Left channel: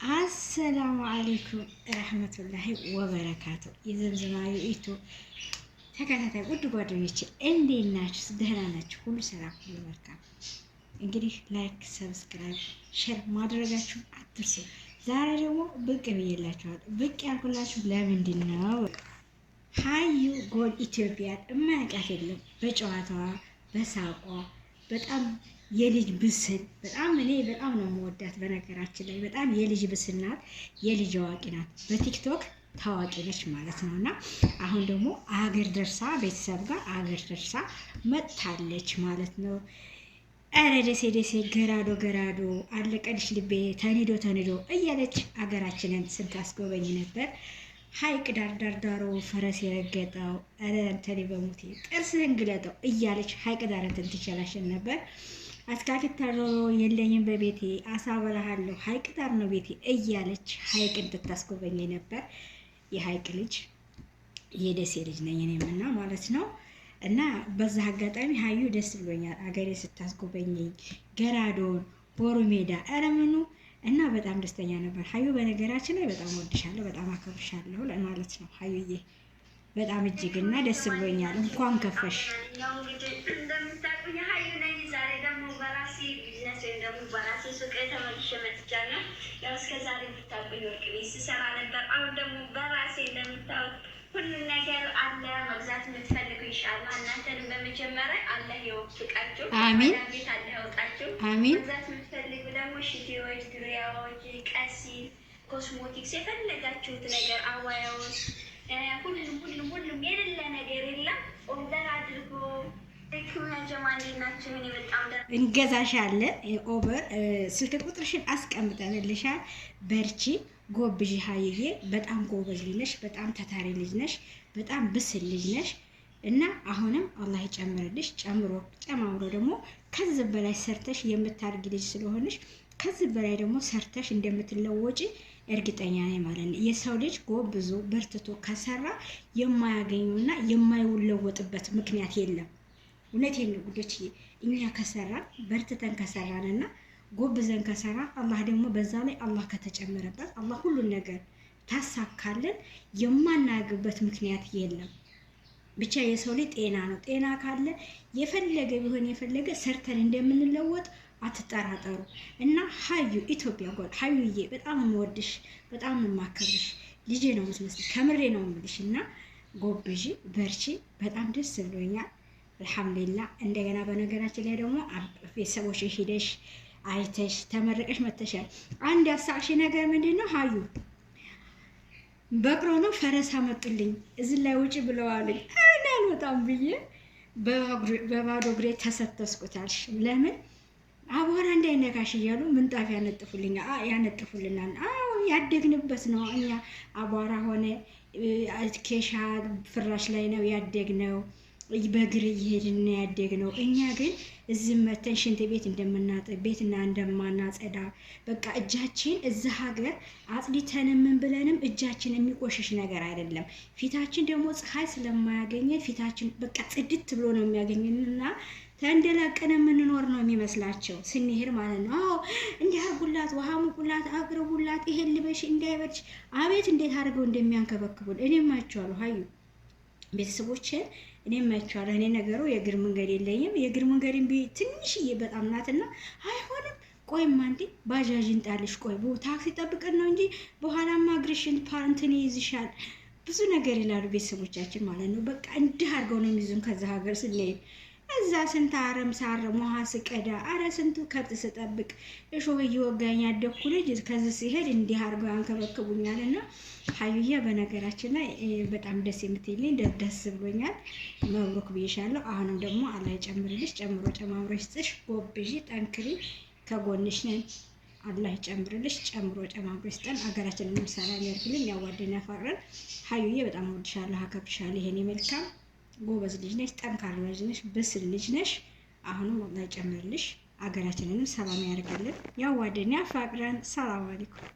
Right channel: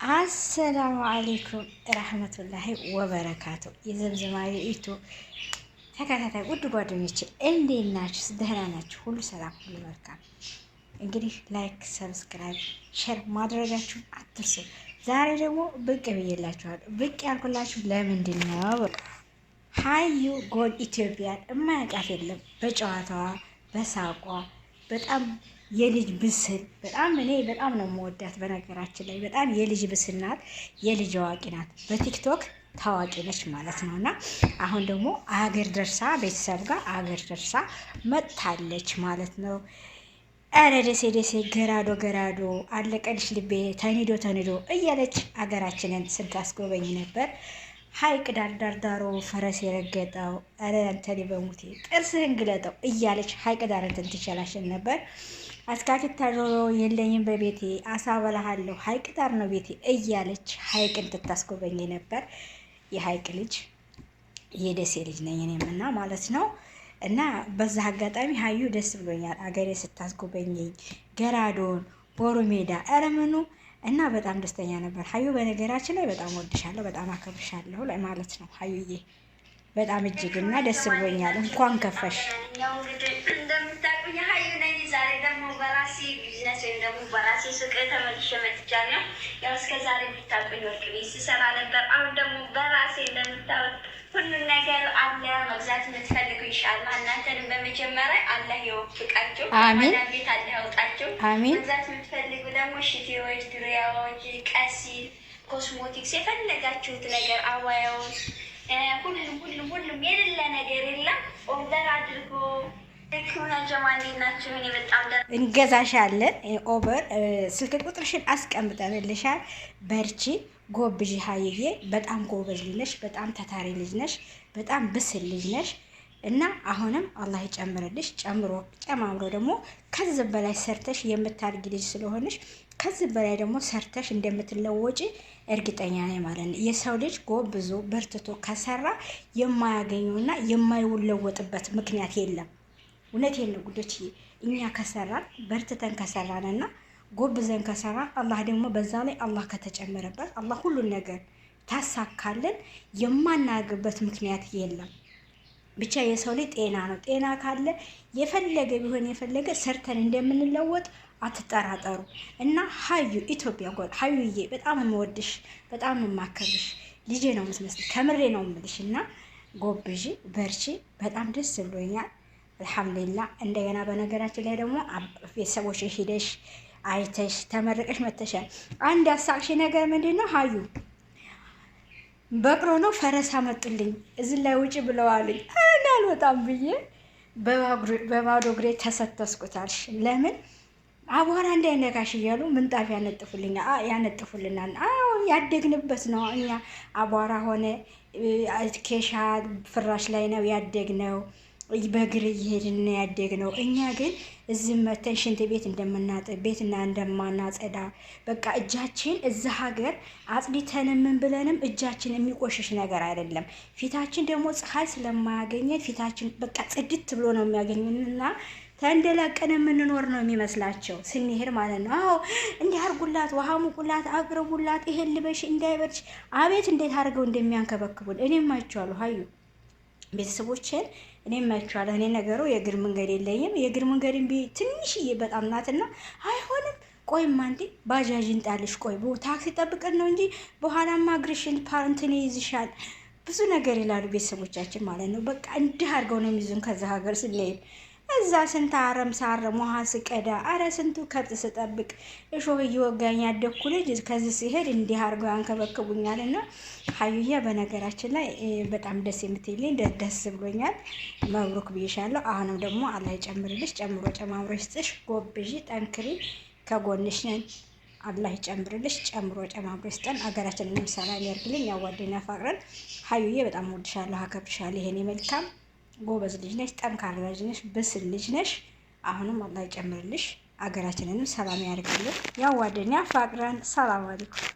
አሰላሙ አለይኩም ረህመቱላሂ ወበረካቱ። የዘምዘማ የዩቲዩብ ተከታታይ ውድ ጓደኞቼ እንዴት ናችሁ? ደህና ናችሁ? ሁሉ ሰላም፣ ሁሉ መልካም። እንግዲህ ላይክ፣ ሰብስክራይብ፣ ሼር ማድረጋችሁን አትርሱ። ዛሬ ደግሞ ብቅ ብዬላችኋለሁ። ብቅ ያልኩላችሁ ለምንድን ነው? ሀዩ ጎል ኢትዮጵያን የማያውቃት የለም። በጨዋታዋ በሳቋ በጣም የልጅ ብስል እኔ በጣም ነው የምወዳት። በነገራችን ላይ በጣም የልጅ ብስል ናት፣ የልጅ አዋቂ ናት። በቲክቶክ ታዋቂ ነች ማለት ነው። እና አሁን ደግሞ አገር ደርሳ ቤተሰብ ጋር አገር ደርሳ መጥታለች ማለት ነው። ኧረ ደሴ ደሴ ገራዶ አለቀልሽ ልቤ ተኒዶ እያለች አገራችንን ስታስጎበኝ ነበር። ሀይቅ ዳርዳሮ ፈረስ የረገጠው ኧረ አንተኔ በሙቴ ጥርስህን ግለጠው እያለች ሀይቅ ዳር እንትን ትችላሽን ነበር። አስካክታ ዶሮ የለኝም በቤቴ አሳ በላሃለሁ ሀይቅ ዳር ነው ቤቴ እያለች ሀይቅን ትታስጎበኝ ነበር። የሀይቅ ልጅ የደሴ ልጅ ነኝ እኔም እና ማለት ነው። እና በዛ አጋጣሚ ሀዩ ደስ ብሎኛል፣ አገሬ ስታስጎበኘኝ ገራዶን ቦሩ ሜዳ ኧረ ምኑ እና በጣም ደስተኛ ነበር። ሀዩ በነገራችን ላይ በጣም ወድሻለሁ፣ በጣም አከብርሻለሁ ማለት ነው። ሀዩዬ በጣም እጅግና ደስ ብሎኛል። እንኳን ከፈሽ። በራሴ ሱቅ ተመልሼ መጥቻለሁ። ያው እስከ ዛሬ ብታውቁኝ ወርቅ ቤት ስሰራ ነበር። አሁን ደግሞ በራሴ እንደምታወቅ ሁሉን ነገር አለ። መግዛት የምትፈልጉ ኢንሻአላህ እናንተንም በመጀመሪያ አላህ ይወፍቃችሁ፣ አሚን። ቤት አላህ ያውጣችሁ፣ አሚን። መግዛት የምትፈልጉ ደግሞ ሽቲዎች፣ ድሪያዎች፣ ቀሲል፣ ኮስሞቲክስ የፈለጋችሁት ነገር አዋያዎች፣ ሁሉም የሌለ ነገር የለም። ኦርደር አድርጎ እንገዛሻለን። ኦቨር ስልክ ቁጥርሽን አስቀምጠንልሻል። በርቺ ጎብዢ ሀይዬ። በጣም ጎበዝ ልጅ ነሽ፣ በጣም ታታሪ ልጅ ነሽ፣ በጣም ብስል ልጅ ነሽ እና አሁንም አላህ ይጨምርልሽ። ጨማምሮ ደግሞ ከዚህ በላይ ሰርተሽ የምታድጊ ልጅ ስለሆነሽ ከዚህ በላይ ደግሞ ሰርተሽ እንደምትለወጪ እርግጠኛ ነኝ ማለት ነው። የሰው ልጅ ጎብዞ በርትቶ ከሰራ የማያገኘውና የማይለወጥበት ምክንያት የለም። እውነቴን ነው ጉዶች። እኛ ከሰራን በርትተን ከሰራንና ጎብዘን ከሰራን አላህ ደግሞ በዛ ላይ አላህ ከተጨመረበት አላህ ሁሉን ነገር ታሳካለን። የማናገበት ምክንያት የለም። ብቻ የሰው ልጅ ጤና ነው። ጤና ካለ የፈለገ ቢሆን የፈለገ ሰርተን እንደምንለወጥ አትጠራጠሩ። እና ሀዩ ኢትዮጵያ ጎል ሀዩዬ በጣም የምወድሽ በጣም የማከብርሽ ልጄ ነው የምትመስል። ከምሬ ነው የምልሽ። እና ጎብዢ በርቺ። በጣም ደስ ብሎኛል። አልሐምዱሊላህ። እንደገና በነገራችን ላይ ደግሞ ቤተሰቦች ሄደሽ አይተሽ ተመረቀሽ መተሻል። አንድ ያሳቅሽ ነገር ምንድን ነው? ሀዩ በቅሎ ነው ፈረስ አመጡልኝ እዚህ ላይ ውጭ ብለዋልኝ አልወጣም ብዬ በባዶ እግሬ ተሰተስኩታልሽ። ለምን አቧራ እንዳይነካሽ እያሉ ምንጣፍ ያነጥፉልናል። አዎ ያደግንበት ነው። እኛ አቧራ ሆነ ኬሻ ፍራሽ ላይ ነው ያደግነው። በእግር እየሄድን ያደግነው። እኛ ግን እዚህ መተን ሽንት ቤት እንደምናጥብ ቤትና እንደማናጸዳ በቃ እጃችን እዛ ሀገር አጽድተን ምን ብለንም እጃችን የሚቆሽሽ ነገር አይደለም። ፊታችን ደግሞ ፀሐይ ስለማያገኘን ፊታችን በቃ ጽድት ብሎ ነው የሚያገኘንና ተንደላቀን የምንኖር ነው የሚመስላቸው ስንሄድ ማለት ነው። አዎ እንዲህ አርጉላት፣ ውሃ ሙቁላት፣ አቅርቡላት፣ ይሄን ልበሽ እንዳይበርሽ። አቤት እንዴት አድርገው እንደሚያንከበክቡን እኔም አይቼዋለሁ። ሀዩ ቤተሰቦችን እኔም አይቼዋለሁ። እኔ ነገሩ የእግር መንገድ የለኝም። የእግር መንገድን ትንሽዬ በጣም ናትና አይሆንም። ቆይማ እንዴ ባጃጅን ጣልሽ፣ ቆይ ታክሲ ጠብቀን ነው እንጂ በኋላማ እግርሽን ፓንትን ይይዝሻል ብዙ ነገር ይላሉ ቤተሰቦቻችን ማለት ነው። በቃ እንዲህ አድርገው ነው የሚይዙን ከዛ ሀገር ስንሄድ። እዛ ስንት አረም ሳረም ውሃ ስቀዳ፣ አረ ስንቱ ከብት ስጠብቅ እሾህ እየወጋኝ ያደግኩ ልጅ ከዚህ ሲሄድ እንዲህ አድርገው ያንከበክቡኛል። እና ሀዩዬ በነገራችን ላይ በጣም ደስ የምትይልኝ ደስ ብሎኛል። መብሩክ ብዬሻለሁ። አሁንም ደግሞ አላህ ይጨምርልሽ፣ ጨምሮ ጨማምሮ ይስጥሽ። ጎብዢ፣ ጠንክሪ፣ ከጎንሽ ነን። አላህ ይጨምርልሽ፣ ጨምሮ ጨማምሮ ይስጠን። አገራችንን ሰላም ያርግልኝ፣ ያዋደን ያፋቅረን። ሀዩዬ በጣም ወድሻለሁ፣ አከብርሻለሁ። ይሄኔ መልካም ጎበዝ ልጅ ነሽ፣ ጠንካራ ልጅ ነሽ፣ ብስል ልጅ ነሽ። አሁንም አላህ ይጨምርልሽ፣ አገራችንንም ሰላም ያርግልን፣ ያዋደን ያፋቅረን። ሰላም አለይኩም።